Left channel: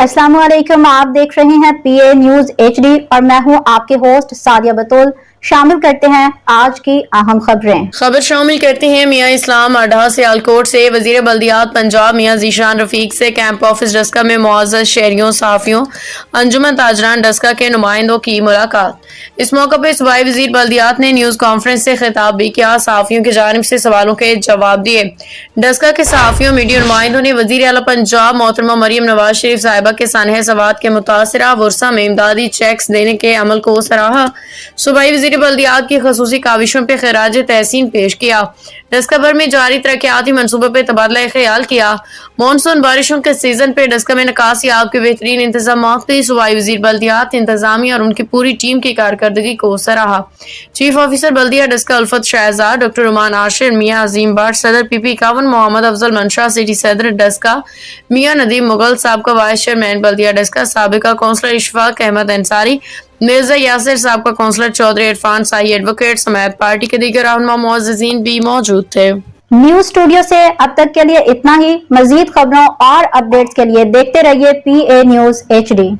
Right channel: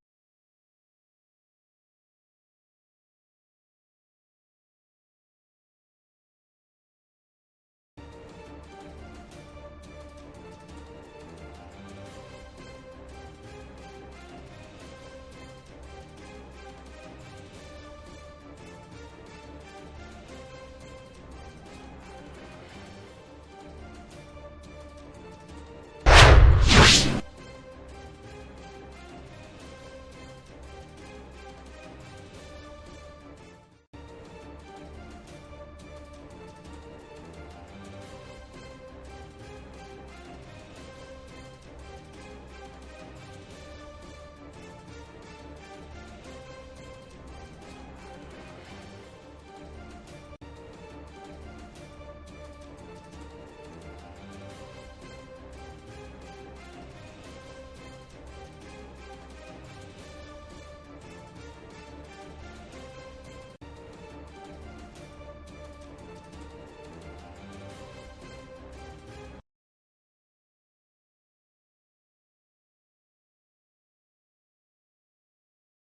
अस्सलाम वालेकुम, आप देख रहे हैं पीए न्यूज एचडी और मैं हूं आपके होस्ट सादिया बतूल। शामिल करते हैं आज की अहम खबर शामिल करते हैं। मियाँ इस्लाम अड्डा सियालकोट से वजीर बल्दियात पंजाब मियाँ जीशान रफीक से कैंप ऑफिस डस्का में मुआज़्ज़ज़ शहरियों, सहाफ़ियों, अंजुमन ताजरान डस्का के नुमाइंदों की मुलाकात। इस मौके पर सूबाई वजीर बल्दियात ने न्यूज़ कॉन्फ्रेंस से खिताब भी किया। सहाफ़ियों की जानिब से सवालों के जवाब दिए। डस्का के सहाफ़ियों मीडिया नुमाइंदों ने वज़ीर आला पंजाब मोहतरमा मरियम नवाज शरीफ साहिबा के सानह सवात के मुतासरा वर्सा में इमदादी चेक्स देने के अमल को सराहा। सूबाई वज़ीर बल्दियात की खसूसी काविशों पर खिराज तहसीन पेश किया। डस्का भर में जारी तरक्याती मनसूबे पर तबादला ख्याल किया। मानसून बारिशों के सीजन पे डस्का में निकासी आब के बेहतरीन इंतजाम की सूबाई वज़ीर बल्दियात इंतजामिया और उनकी पूरी टीम की कारकर्दगी को सराहा। चीफ ऑफिसर बल्दिया डस्का उल्फत शहजाद, डॉक्टर रुमान आशिर, मियाँ अजीम बाट, सदर पीपी 51 मोहम्मद अफजल मंशा, सिटी सदर डस्का मियाँ नदीम मुगल, साबका वाइस चेयरमैन बल्दिया डस्का, साबिका काउंसलर इशफाक अहमद अंसारी, मिर्जा यासिर, साबका काउंसलर चौधरी इरफान साई, एडवोकेट समेत पार्टी के दीगर रहनुमा मुअज़्ज़ज़ीन भी मौजूद थे। न्यूज स्टूडियो से अब तक के लिए इतना ही। मजीद खबरों और अपडेट्स के लिए देखते रहिए पीए न्यूज एचडी।